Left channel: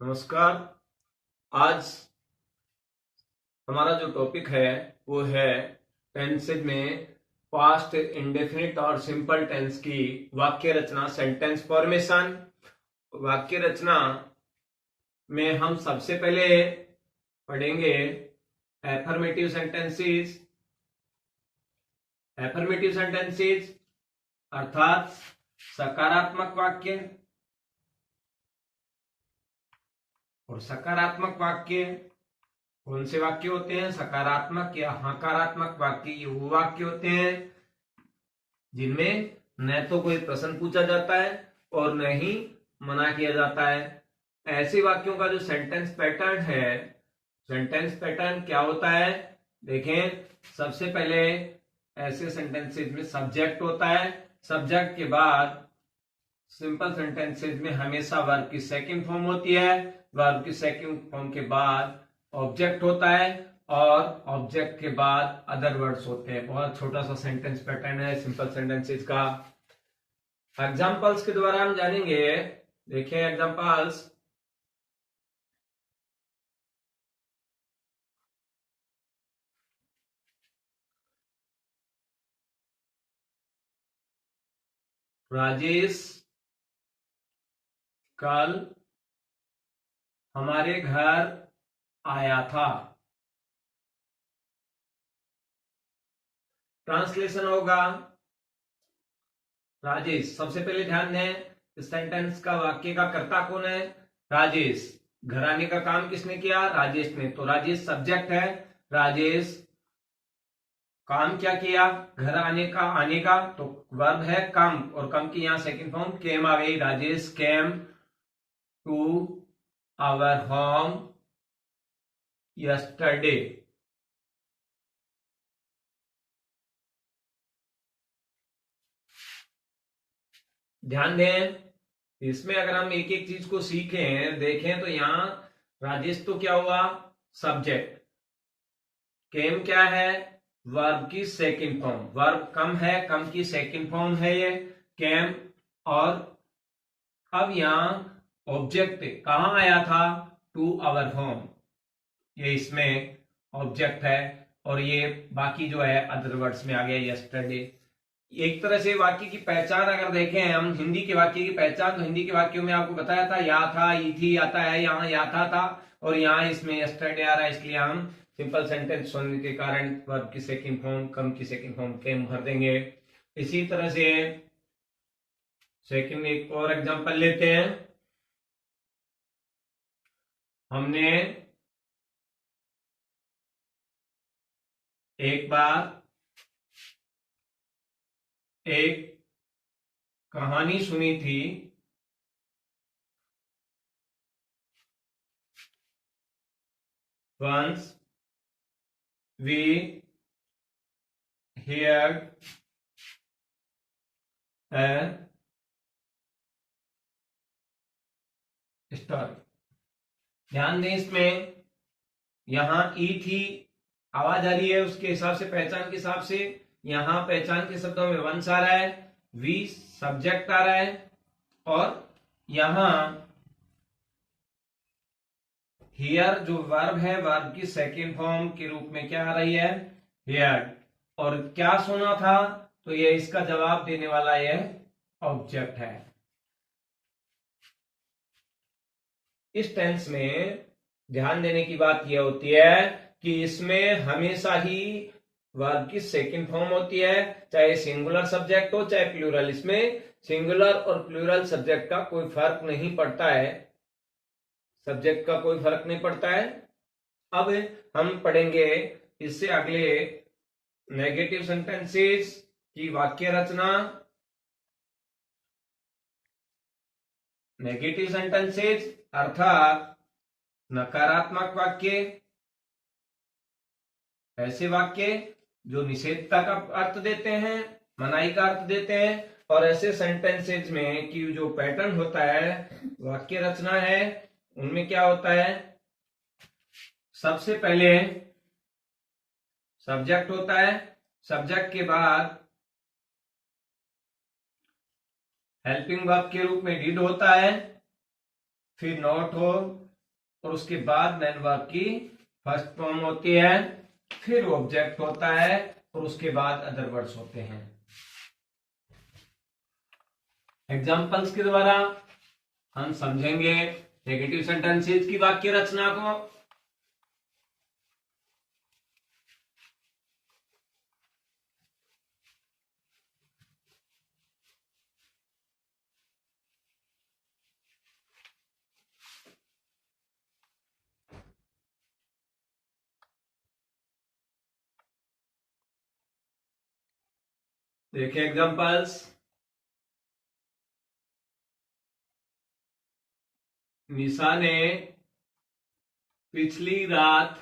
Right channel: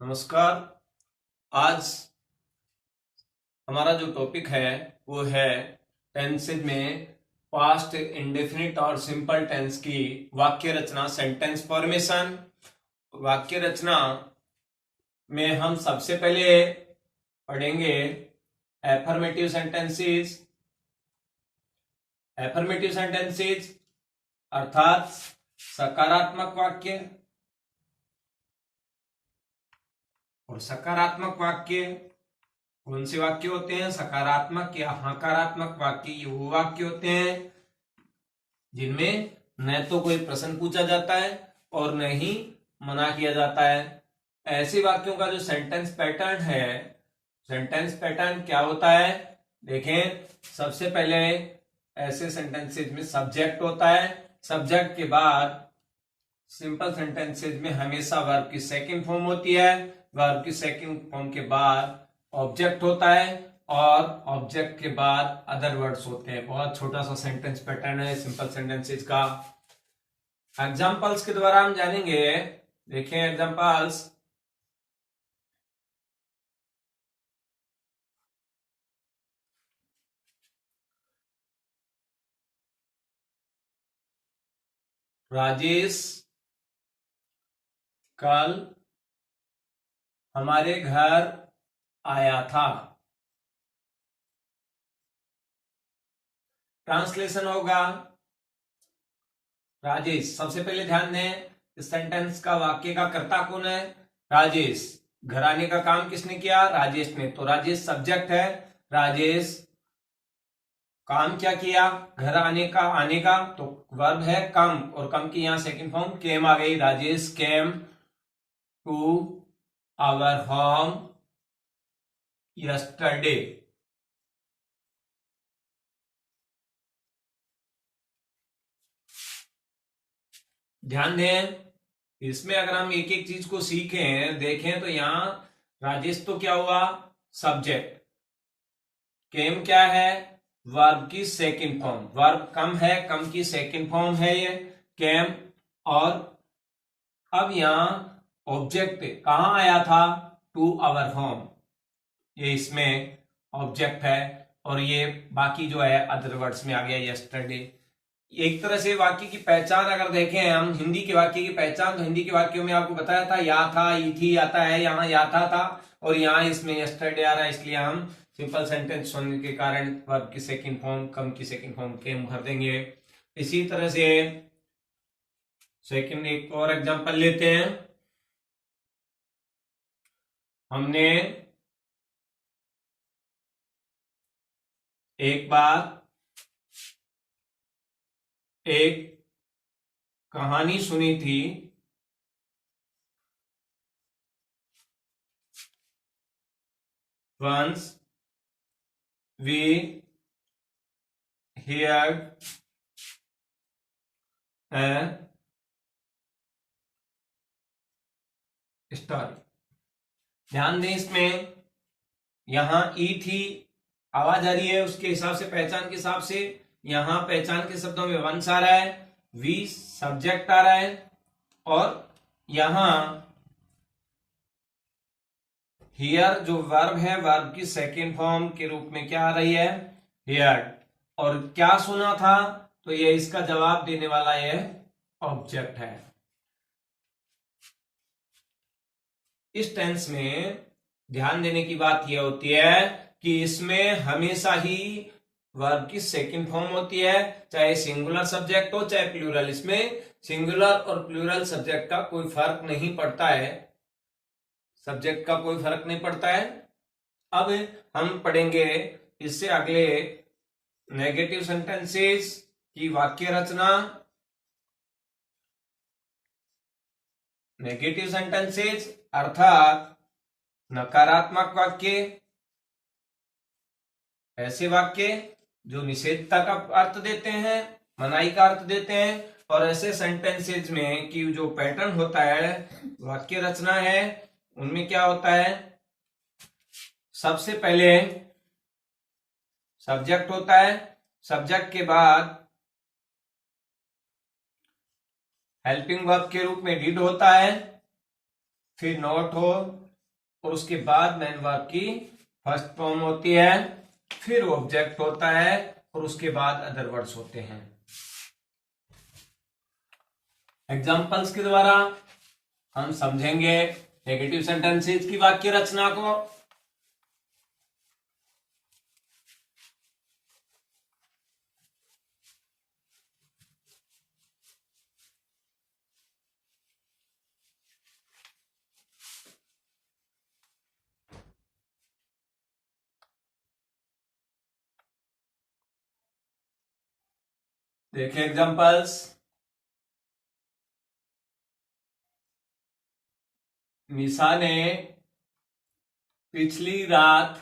नमस्कार। आज हमारा जो टॉपिक है वो है टेंसेज में पास्ट इंडेफिनिट और सिंपल टेंस की वाक्य रचना, सेंटेंस फॉर्मेशन। वाक्य रचना में हम सबसे पहले पढ़ेंगे एफर्मेटिव सेंटेंसेस। एफर्मेटिव सेंटेंसेस अर्थात सकारात्मक वाक्य, और सकारात्मक वाक्य कौन से वाक्य होते हैं? सकारात्मक या नकारात्मक वाक्य ये वो वाक्य होते हैं जिनमें न तो कोई प्रश्न पूछा जाता है और न ही मना किया जाता है। ऐसे वाक्यों का जो सेंटेंस पैटर्न है, सेंटेंस पैटर्न क्या होता है? देखें, सबसे पहले ऐसे सेंटेंसेस में सब्जेक्ट होता है। सब्जेक्ट के बाद सिंपल सेंटेंसेस में हमेशा वर्ब की सेकंड फॉर्म होती है। वर्ब की सेकंड फॉर्म के बाद ऑब्जेक्ट होता है और ऑब्जेक्ट के बाद अदर वर्ड्स होते हैं। बहुत छोटा सा सेंटेंस पैटर्न है सिंपल सेंटेंसेस का। एग्जांपल्स के द्वारा हम जानेंगे। देखें एग्जांपल्स। राजेश कल हमारे घर आया था। ट्रांसलेशन होगा, राजेश। सबसे पहले ध्यान दें, इस सेंटेंस का वाक्य का कर्ता कौन है? राजेश। घर आने का काम किसने किया? राजेश ने। तो राजेश सब्जेक्ट है। राजेश काम क्या किया? घर आने का तो वर्ब है कम, और कम की यहां सेकंड फॉर्म केम आ गई। Rajesh came to our home yesterday. ध्यान दें, इसमें अगर हम एक एक चीज को सीखें, देखें तो यहां राजेश तो क्या हुआ? सब्जेक्ट। केम क्या है? वर्ब की सेकंड फॉर्म। वर्ब कम है, कम की सेकंड फॉर्म है ये केम। और अब यहां ऑब्जेक्ट कहां आया था? To our home. ये इसमें ऑब्जेक्ट है, और ये बाकी जो है अदर वर्ड्स में आ गया यस्टरडे। एक तरह से वाक्य की पहचान अगर देखें हम, हिंदी के वाक्य की पहचान, तो हिंदी के वाक्यों में आपको बताया था या था, ई थी आता है, यहाँ या था, और यहाँ इसमें यस्टरडे आ रहा है। इसलिए हम सिंपल सेंटेंस होने के कारण वर्ब की सेकंड फॉर्म कम की सेकंड फॉर्म केम भर देंगे। इसी तरह से सेकंड एक और एग्जांपल लेते हैं। हमने एक बार एक कहानी सुनी थी। Once we heard a story। ध्यान दें, इसमें यहां ई थी, आवाज आ रही है, उसके हिसाब से पहचान के हिसाब से यहां पहचान के शब्दों में वंस आ रहा है, वी सब्जेक्ट आ रहा है, और यहां हियर जो वर्ब है, वर्ब की सेकंड फॉर्म के रूप में क्या आ रही है? हियर्ड। और क्या सुना था? तो ये इसका जवाब देने वाला ये ऑब्जेक्ट है। इस टेंस में ध्यान देने की बात यह होती है कि इसमें हमेशा ही वर्ब की सेकंड फॉर्म होती है, चाहे सिंगुलर सब्जेक्ट हो चाहे प्लूरल। इसमें सिंगुलर और प्लूरल सब्जेक्ट का कोई फर्क नहीं पड़ता है, सब्जेक्ट का कोई फर्क नहीं पड़ता है। अब हम पढ़ेंगे इससे अगले नेगेटिव सेंटेंसेस की वाक्य रचना। नेगेटिव सेंटेंसेस अर्थात नकारात्मक वाक्य, ऐसे वाक्य जो निषेधता का अर्थ देते हैं, मनाही का अर्थ देते हैं। और ऐसे सेंटेंसेज में कि जो पैटर्न होता है, वाक्य रचना है, उनमें क्या होता है? सबसे पहले सब्जेक्ट होता है, सब्जेक्ट के बाद हेल्पिंग वर्ब के रूप में डिड होता है, फिर नॉट हो, और उसके बाद मेन वर्ब की फर्स्ट फॉर्म होती है, फिर ऑब्जेक्ट होता है और उसके बाद अदर वर्ड्स होते हैं। एग्जाम्पल्स के द्वारा हम समझेंगे नेगेटिव सेंटेंसेस की वाक्य रचना को। देखिए एग्जाम्पल्स। निशा ने पिछली रात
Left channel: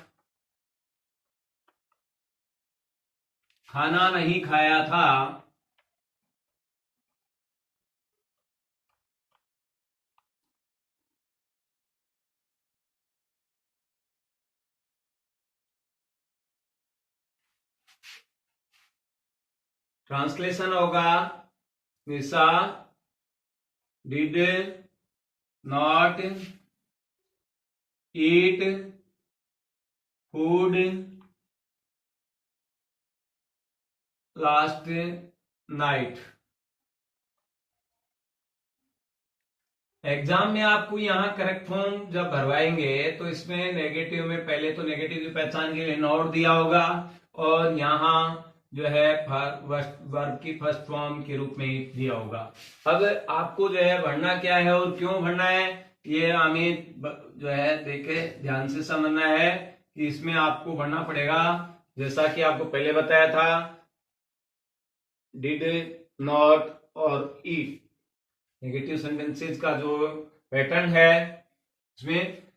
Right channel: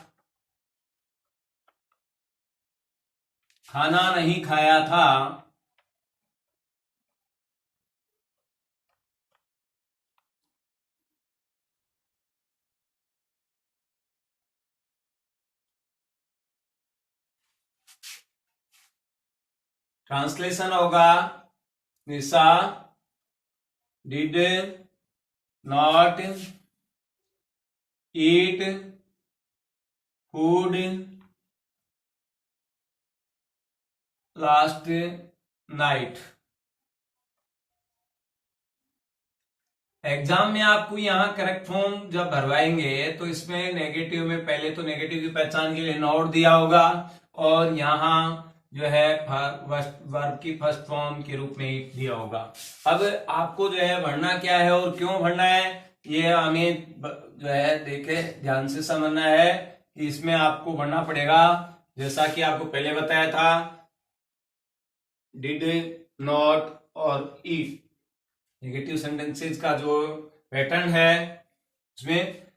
खाना नहीं खाया था। ट्रांसलेशन होगा, Nisha did not eat food last night. Exam में आपको यहाँ करेक्ट फॉर्म जब भरवाएंगे तो इसमें नेगेटिव में पहले तो नेगेटिव की पहचान के लिए नॉट दिया होगा और यहाँ जो है वर्ब की फर्स्ट फॉर्म के रूप में ही दिया होगा। अब आपको जो है भरना क्या है और क्यों भरना है ये हमें जो है देखे ध्यान से समझना है कि इसमें आपको भरना पड़ेगा। जैसा कि आपको पहले बताया था, डिड नॉट और ईट नेगेटिव सेंटेंसेस का जो पैटर्न है उसमें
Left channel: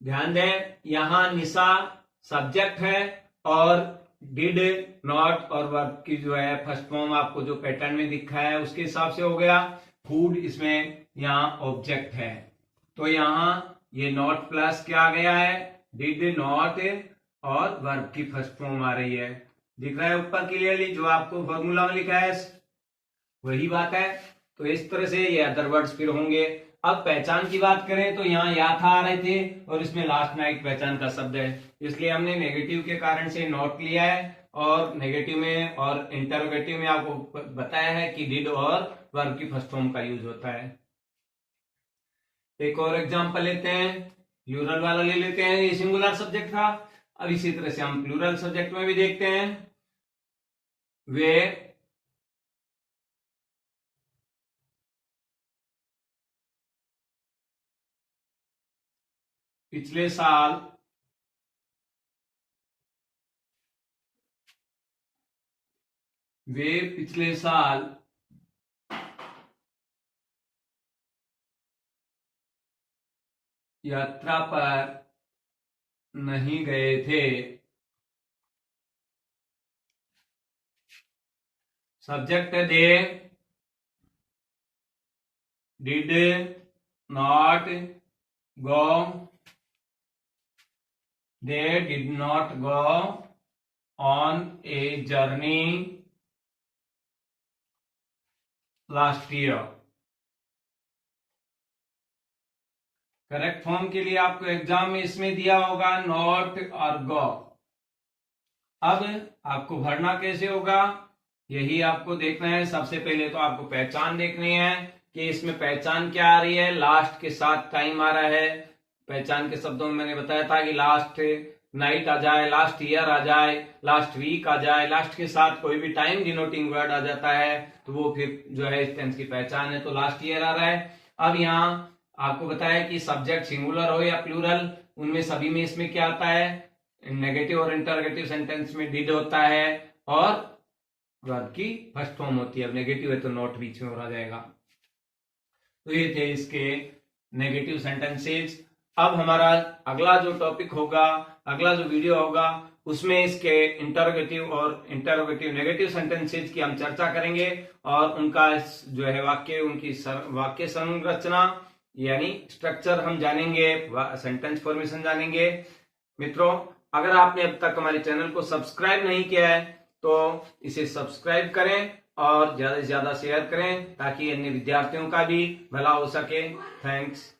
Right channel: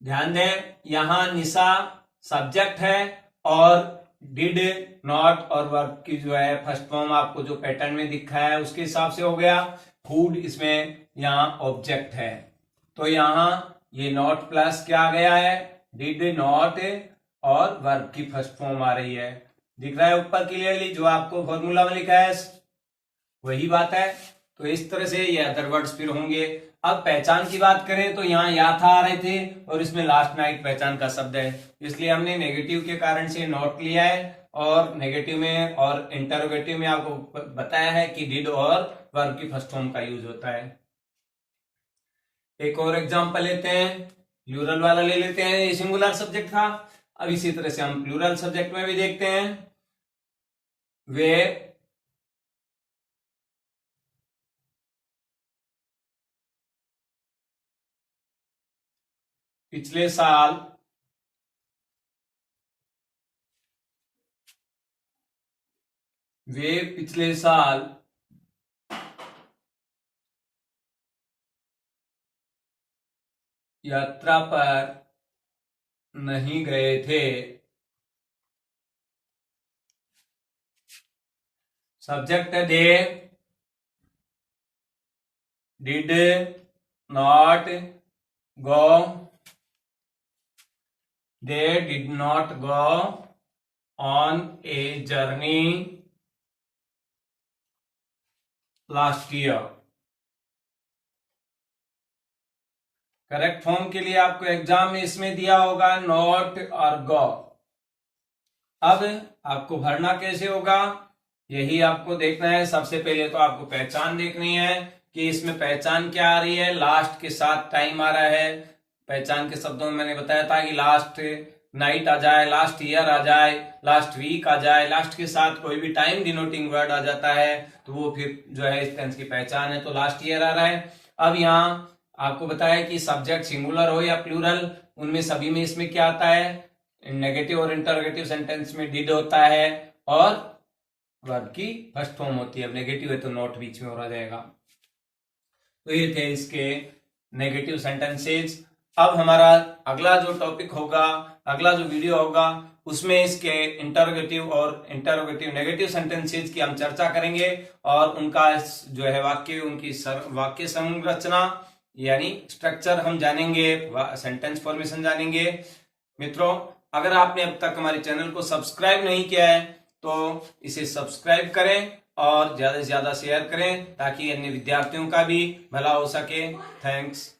ध्यान दें। यहां निशा सब्जेक्ट है और डिड नॉट और वर्ब की जो है फर्स्ट फॉर्म आपको जो पैटर्न में दिखा है उसके हिसाब से हो गया। फूड इसमें यहां ऑब्जेक्ट है तो यहां ये नॉट प्लस क्या आ गया है, डिड नॉट और वर्ब की फर्स्ट फॉर्म आ रही है। दिख रहा है ऊपर क्लियरली जो आपको फॉर्मूला में लिखा है वही बात है। तो इस तरह से ये अदर वर्ड्स फिर होंगे। अब पहचान की बात करें तो यहाँ या था आ रहे थे और इसमें लास्ट नाइट पहचान का शब्द है, इसलिए हमने नेगेटिव के कारण से नॉट लिया है और नेगेटिव में और इंटरोगेटिव में आपको बताया है कि डिड और वर्ब की फर्स्ट फॉर्म का यूज होता है। एक और एग्जांपल लेते हैं, प्लूरल वाला ले लेते हैं। ये सिंगुलर सब्जेक्ट था। अब इसी तरह से हम प्लूरल सब्जेक्ट में भी देखते हैं। वे पिछले साल यात्रा पर नहीं गए थे। सब्जेक्ट है they, did not go, they did not go on a journey last year। Correct form के लिए आपको एग्जाम में इसमें दिया होगा नॉट और गो। अब आपको भरना कैसे होगा यही आपको देखना है। सबसे पहले तो आपको पहचान देखनी है कि इसमें पहचान क्या आ रही है, लास्ट के साथ टाइम आ रहा है। पहचान के शब्दों में मैंने बताया था कि लास्ट नाइट आ जाए, लास्ट ईयर आ जाए, लास्ट वीक आ जाए, लास्ट के साथ कोई भी टाइम डिनोटिंग वर्ड आ जाता है तो वो फिर जो है इस टेंस की पहचान है। तो लास्ट ईयर आ रहा है। अब यहाँ आपको बताया कि सब्जेक्ट सिंगुलर हो या प्लूरल उनमें सभी में इसमें क्या आता है, नेगेटिव और इंटरोगेटिव सेंटेंस में डिड होता है और वर्ब की फर्स्ट फॉर्म होती है। अब नेगेटिव है तो नॉट बीच में हो जाएगा। तो ये थे इसके नेगेटिव सेंटेंसेस। अब हमारा अगला जो टॉपिक होगा, अगला जो वीडियो होगा उसमें इसके इंटरोगेटिव और इंटरोगेटिव नेगेटिव सेंटेंसेस की हम चर्चा करेंगे और उनका जो है उनकी वाक्य संरचना यानी स्ट्रक्चर हम जानेंगे, सेंटेंस फॉर्मेशन जानेंगे। मित्रों, अगर आपने अब तक हमारे चैनल को सब्सक्राइब नहीं किया है तो इसे सब्सक्राइब करें और ज्यादा से ज्यादा शेयर करें ताकि अन्य विद्यार्थियों का भी भला हो सके। थैंक्स।